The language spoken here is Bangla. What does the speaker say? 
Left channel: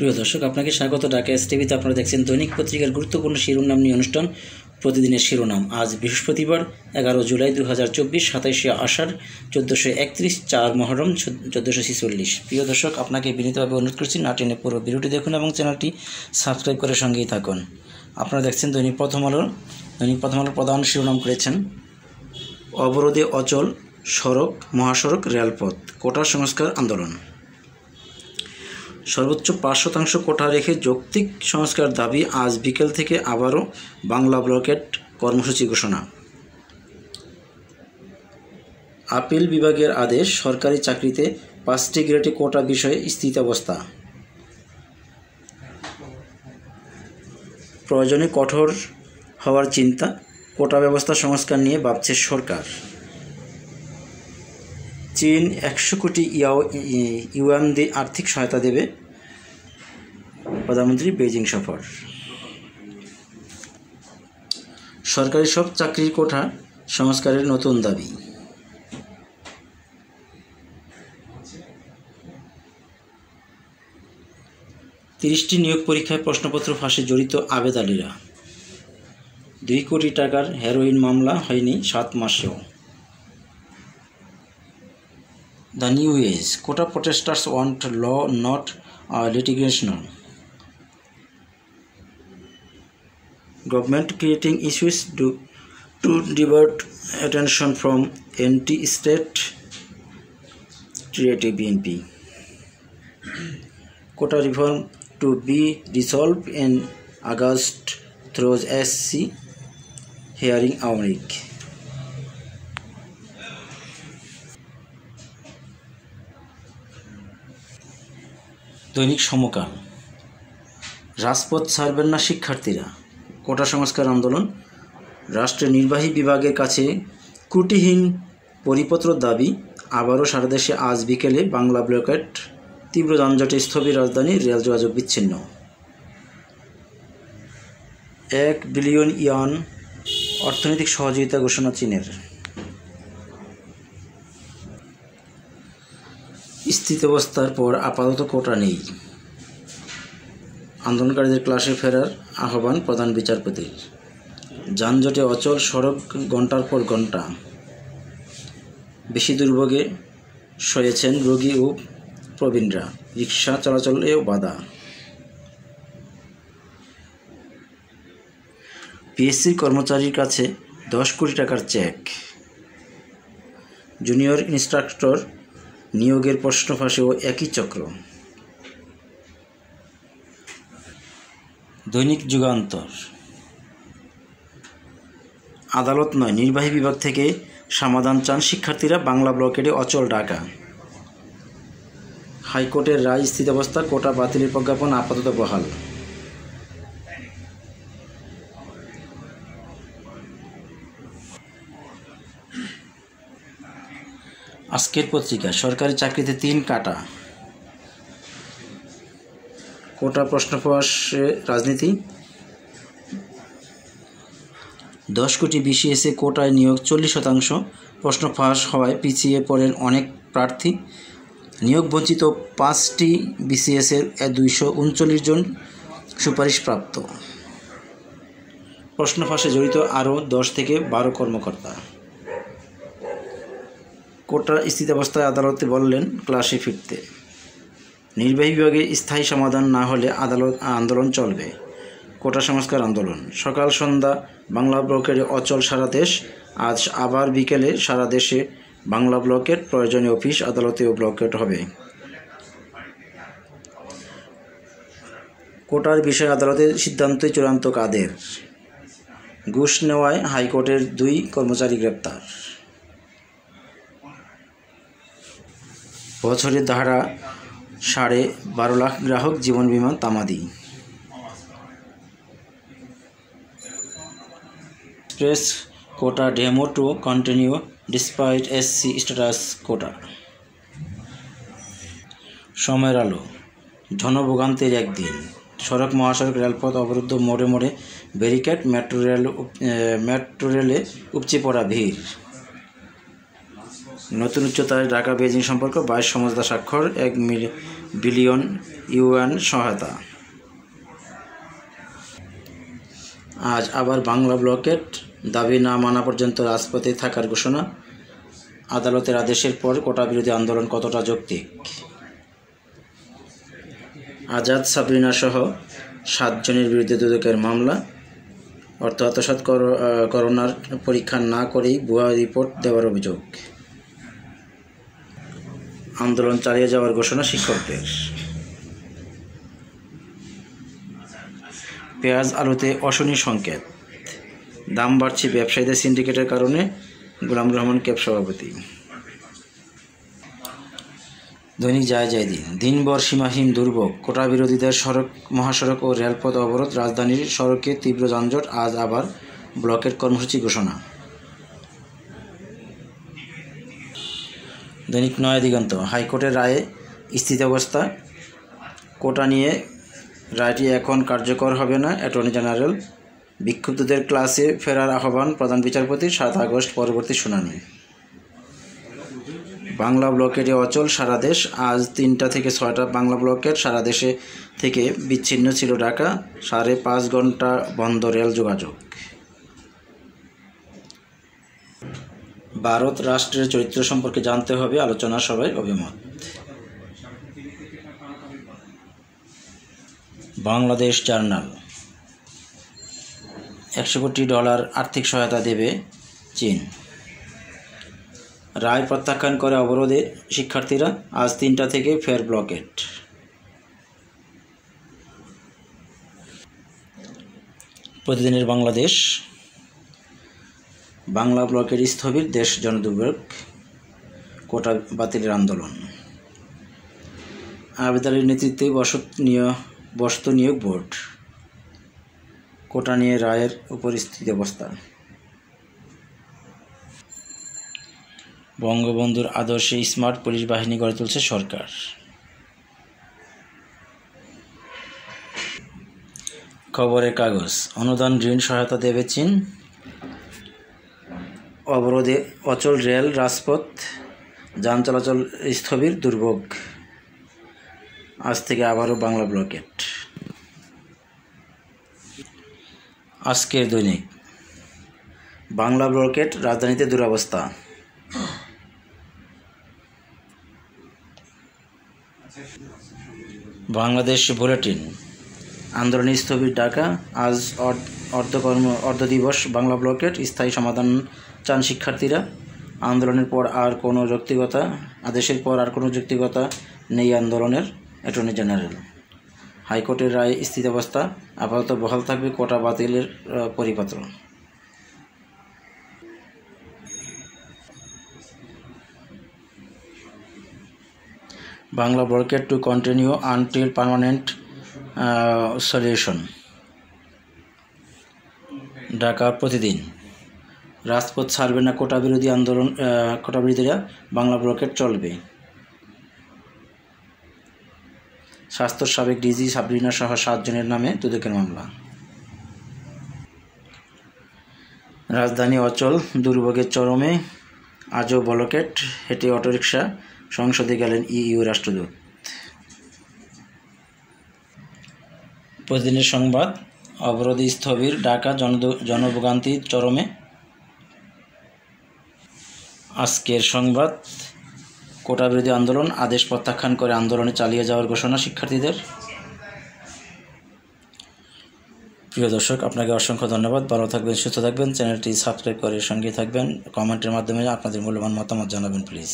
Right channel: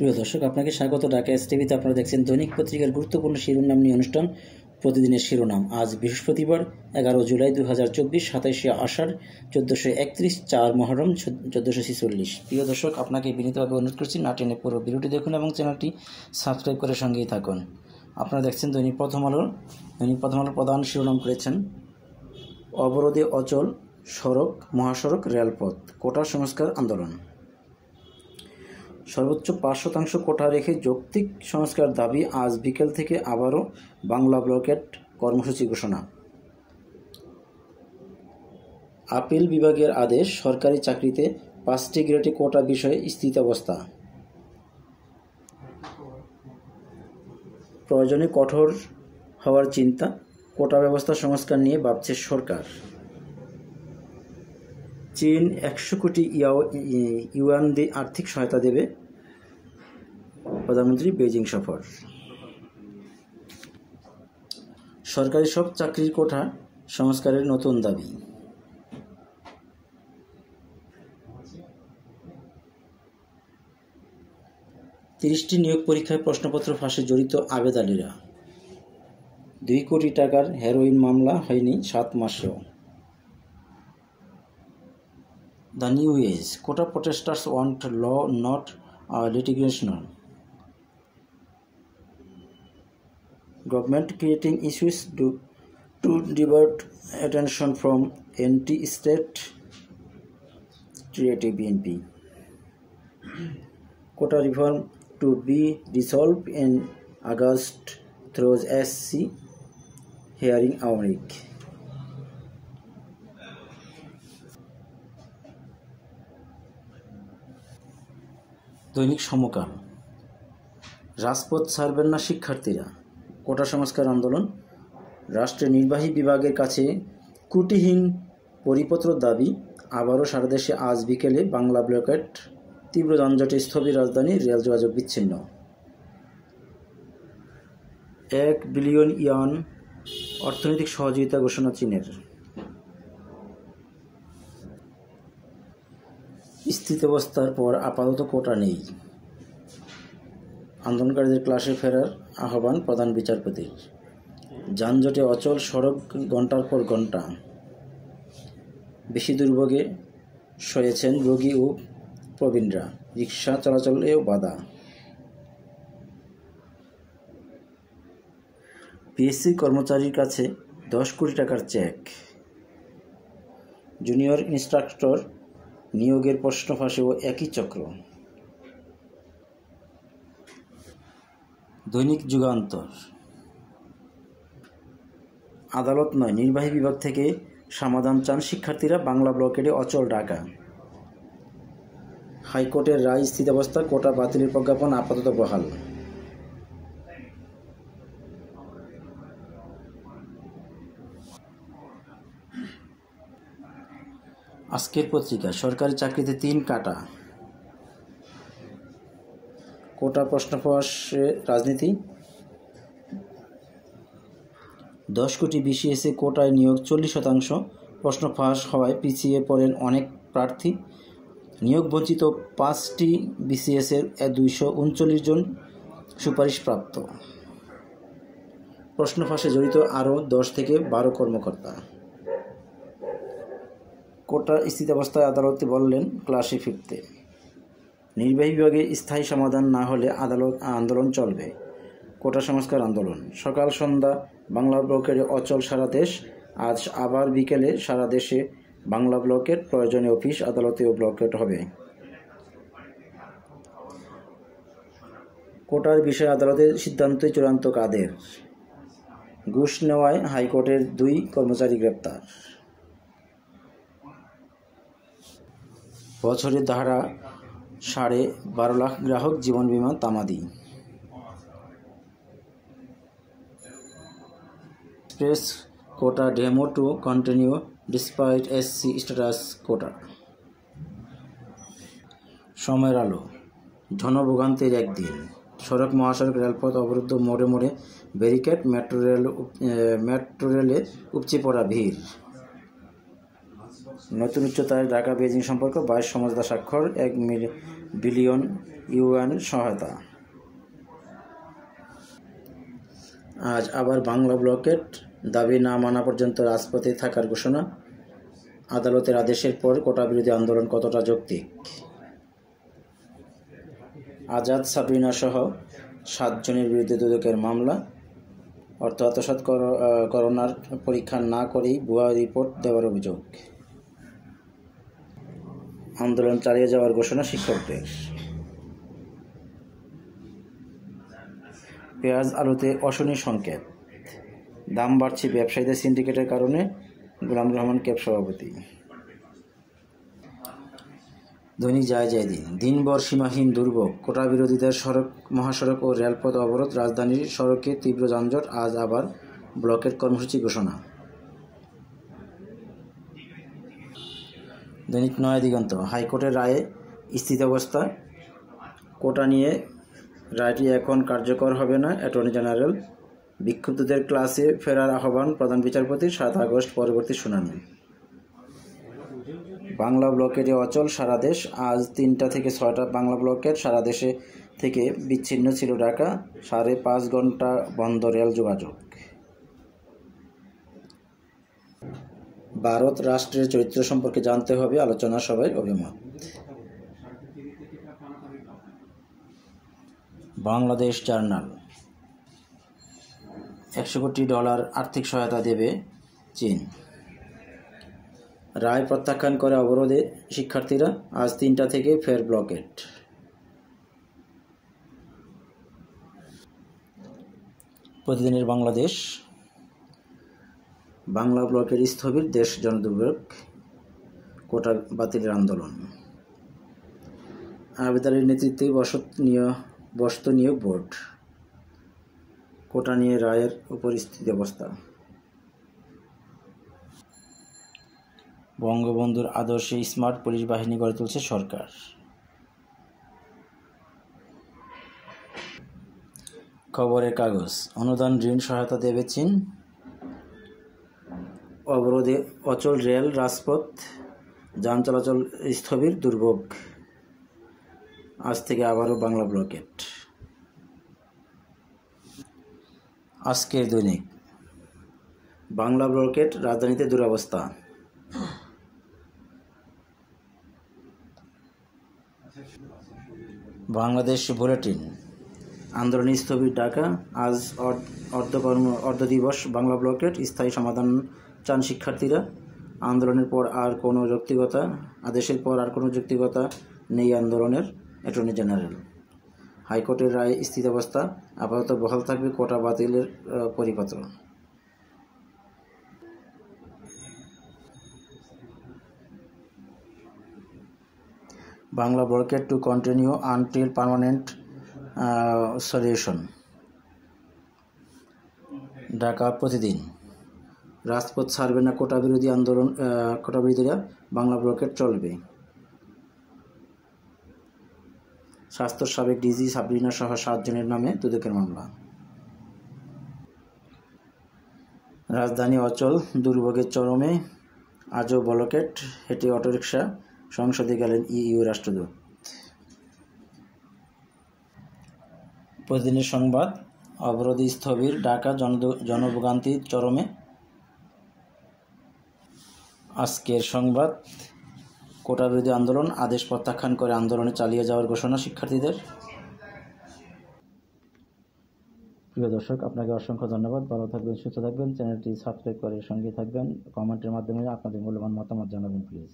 প্রিয় দর্শক, আপনাকে স্বাগত ঢাকা এসটিভিতে। আপনারা দেখছেন দৈনিক পত্রিকার গুরুত্বপূর্ণ শিরোনাম নিয়ে অনুষ্ঠান প্রতিদিনের শিরোনাম। আজ বৃহস্পতিবার 11 জুলাই 2024, 27 আষাঢ় 1431, 4 মহরম 1446। প্রিয় দর্শক, আপনাকে বিনীতভাবে অনুরোধ করছি না টেনে পুরো ভিডিওটি দেখুন এবং চ্যানেলটি সাবস্ক্রাইব করে সঙ্গেই থাকুন। আপনারা দেখছেন দৈনিক প্রথম আলোর প্রধান শিরোনাম করেছেন অবরোধে অচল সড়ক, মহাসড়ক, রেলপথ, কোটা সংস্কার আন্দোলন। সর্বোচ্চ 5% কোটা রেখে যৌক্তিক সংস্কার দাবি। আজ বিকেল থেকে আবারও বাংলা ব্লকেট কর্মসূচি ঘোষণা। আপিল বিভাগের আদেশ, সরকারি চাকরিতে 5টি গ্রেডে কোটা বিষয়ে স্থিতাবস্থা। প্রয়োজনে কঠোর হওয়ার চিন্তা, কোটা ব্যবস্থা সংস্কার নিয়ে ভাবছে সরকার। চীন 100 কোটি ইউয়ান দিয়ে আর্থিক সহায়তা দেবে। প্রধানমন্ত্রী বেজিং সফর। সরকারি সব চাকরির কোটা সংস্কারের নতুন দাবি। তিরিশটি নিয়োগ পরীক্ষায় প্রশ্নপত্র ফাঁসে জড়িত আবেদনীরা। 2 কোটি টাকার হেরোইন মামলা হয়নি 7 মাসেও। The new age. Quota protesters want law, not litigation. Government creating issues to divert attention from anti-state creative BNP. Quota reform to be resolved in August through SC hearing Amrik. দৈনিক সমকাল। রাজপথ ছাড়বেন না শিক্ষার্থীরা, কোটা সংস্কার আন্দোলন। রাষ্ট্রের নির্বাহী বিভাগের কাছে ত্রুটিহীন পরিপত্র দাবি। আবারও সারা দেশে আজ বিকেলে বাংলা ব্লকেট। তীব্র যানজটে স্থবির রাজধানীর রেল যোগাযোগ বিচ্ছিন্ন। 1 বিলিয়ন ইউয়ান অর্থনৈতিক সহযোগিতা ঘোষণা চীনের। স্থিতাবস্থার পর আপাতত কোটা নেই। আন্দোলনকারীদের ক্লাসে ফেরার আহ্বান প্রধান বিচারপতির। যানজটে অচল সড়ক ঘণ্টার পর ঘণ্টা। বেশি দুর্ভোগে সয়েছেন রোগী ও প্রবীণরা। রিকশা চলাচলেও বাধা। পিএসসির কর্মচারীর কাছে 10 কোটি টাকার চেক। জুনিয়র ইন্সট্রাক্টর নিয়োগের প্রশ্ন ফাঁসেও একই চক্র। দৈনিক যুগান্তর। আদালত নয়, নির্বাহী বিভাগ থেকে সমাধান চান শিক্ষার্থীরা। বাংলা ব্লকেটে অচল ঢাকা। হাইকোর্টের রায়, স্থিতাবস্থা, কোটা বাতিলের প্রজ্ঞাপন আপাতত বহাল। আজকের পত্রিকা। সরকারি চাকরিতে 3 কাটা। কোটা প্রশ্ন ফাঁসে রাজনীতি। 10 কোটি বিসিএসে কোটায় নিয়োগ 40%। প্রশ্ন ফাঁস হওয়ায় পিছিয়ে পড়েন অনেক প্রার্থী। নিয়োগ বঞ্চিত 5টি বিসিএসের 239 জন সুপারিশপ্রাপ্ত। প্রশ্ন ফাঁসে জড়িত আরও 10 থেকে 12 কর্মকর্তা। কোটা স্থিতাবস্থায় আদালতে বললেন ক্লাসে ফিরতে। নির্বাহী বিভাগে স্থায়ী সমাধান না হলে আন্দোলন চলবে। কোটা সংস্কার আন্দোলন। সকাল সন্ধ্যা বাংলা ব্লকেটে অচল সারা দেশ। আজ আবার বিকেলে সারা দেশে বাংলা ব্লকেট। প্রয়োজনীয় অফিস আদালতেও ব্লকেট হবে। কোটার বিষয়ে আদালতের সিদ্ধান্তই চূড়ান্ত কাদের। ঘুষ নেওয়ায় হাইকোর্টের 2 কর্মচারী গ্রেপ্তার। বছরে ধারা 12.5 লাখ গ্রাহক জীবন বীমা তামাদি। Express quota demo to continue despite SC status quota. সময়ের আলো। জনভোগান্তির একদিন। সড়ক, মহাসড়ক, রেলপথ অবরুদ্ধ, মোড়ে মোড়ে ব্যারিকেড। মেট্রো রেলে উপচে পড়া ভিড়। নতুন উচ্চতায় ঢাকা বেজিং সম্পর্ক। 22 সমঝোতা স্বাক্ষর। বিলিয়ন ইউয়ান সহায়তা। আজ আবার বাংলা ব্লকেট, দাবি না মানা পর্যন্ত রাজপথে থাকার ঘোষণা। আদালতের আদেশের পর কোটা বিরোধী আন্দোলন কতটা যৌক্তিক? আজাদ সাবরিনা সহ 7 জনের বিরুদ্ধে দুদকের মামলা। অর্থ আত্মসাৎ করোনার পরীক্ষা না করেই ভুয়া রিপোর্ট দেওয়ার অভিযোগ। আন্দোলন চালিয়ে যাওয়ার ঘোষণা শিক্ষকদের। পেঁয়াজ আলুতে অশনি সংকেত, দাম বাড়ছে ব্যবসায়ীদের সিন্ডিকেটের কারণে। গোলাম রহমান ক্যাব সভাপতি। দৈনিক দিন, দিনভর সীমাহীন দুর্ভোগ, কোটা বিরোধীদের মহাসড়ক ও রেলপথ অবরোধ, রাজধানীর সড়কে তীব্র যানজট। আজ আবার ব্লকের কর্মসূচি ঘোষণা। দৈনিক নয়া দিগন্ত, হাইকোর্টের রায়ে স্থিতাবস্থা, কোটা নিয়ে রায়টি এখন কার্যকর হবে না। Attorney general. বিক্ষুব্ধদের ক্লাসে ফেরার আহ্বান প্রধান বিচারপতির। 7 আগস্ট পরবর্তী শুনানি। বাংলা ব্লকেটে অচল সারা দেশ। আজ 3টা থেকে 6টা বাংলা ব্লকেট। সারা দেশে থেকে বিচ্ছিন্ন ছিল ঢাকা। 5.5 ঘন্টা বন্ধ রেল যোগাযোগ। ভারত রাষ্ট্রের চরিত্র সম্পর্কে জানতে হবে, আলোচনা সভায় অভিমত। বাংলাদেশ জার্নাল, $100 কোটি আর্থিক সহায়তা দেবে চীন। রায় প্রত্যাখ্যান করে অবরোধে শিক্ষার্থীরা। আজ 3টা থেকে ফের ব্লকেট। প্রতিদিনের বাংলাদেশ, বাংলা ব্লকের স্থবির, দেশ জনদুর্ভোগ, কোটা বাতিলের আন্দোলন। আবেদনের নেতৃত্বে বসত নিয়োগ বোর্ড। কোটা নিয়ে রায়ের উপর স্থিতাবস্থা। বঙ্গবন্ধুর আদর্শে স্মার্ট পুলিশ বাহিনী গড়ে তুলছে সরকার। খবরের কাগজ, অনুদান ঋণ সহায়তা দেবে চীন। অবরোধে অচল রেল রাজপথ, যান চলাচল স্থবির, দুর্ভোগ। আজ থেকে আবারও বাংলা ব্লকেট। আজকের দৈনিক, বাংলা ব্লকেট, রাজধানীতে দুরবস্থা। বাংলাদেশ বুলেটিন, আন্দোলনে স্থবির ঢাকা। আজ অর্ধ দিবস বাংলা ব্লকেট, স্থায়ী সমাধান চান শিক্ষার্থীরা। আন্দোলনের পর আর কোনো যৌক্তিকতা, আদেশের পর আর কোনো যৌক্তিকতা নেই আন্দোলনের। Attorney general. হাইকোর্টের রায় স্থিতাবস্থা, আপাতত বহাল থাকবে কোটা বাতিলের পরিপত্র। Bangla blockade to continue until permanent solution. Dhaka প্রতিদিন, রাজপথ ছাড়বে না কোটা বিরোধীরা, বাংলা ব্লকেট চলবে। স্বাস্থ্যর সাবেক ডিজি সাবরিনা সহ 7 জনের নামে দুদকের মামলা। রাজধানী অচল, দুর্ভোগের চরমে। আজও ব্লকেট, হেঁটে অটোরিকশা। সংসদে গেলেন ইইউ রাষ্ট্রদূত। প্রতিদিনের সংবাদ, অবরোধে স্থবির ঢাকা, জনভোগান্তি চরমে। আজকের সংবাদ, কোটা বিরোধী আন্দোলন, আদেশ প্রত্যাখ্যান করে আন্দোলনে চালিয়ে যাওয়ার ঘোষণা শিক্ষার্থীদের। প্রিয় দর্শক, আপনাকে অসংখ্য ধন্যবাদ। ভালো থাকবেন, সুস্থ থাকবেন। চ্যানেলটি সাবস্ক্রাইব করে সঙ্গে থাকবেন। কমেন্টের মাধ্যমে আপনাদের মূল্যবান মতামত জানাবেন প্লিজ।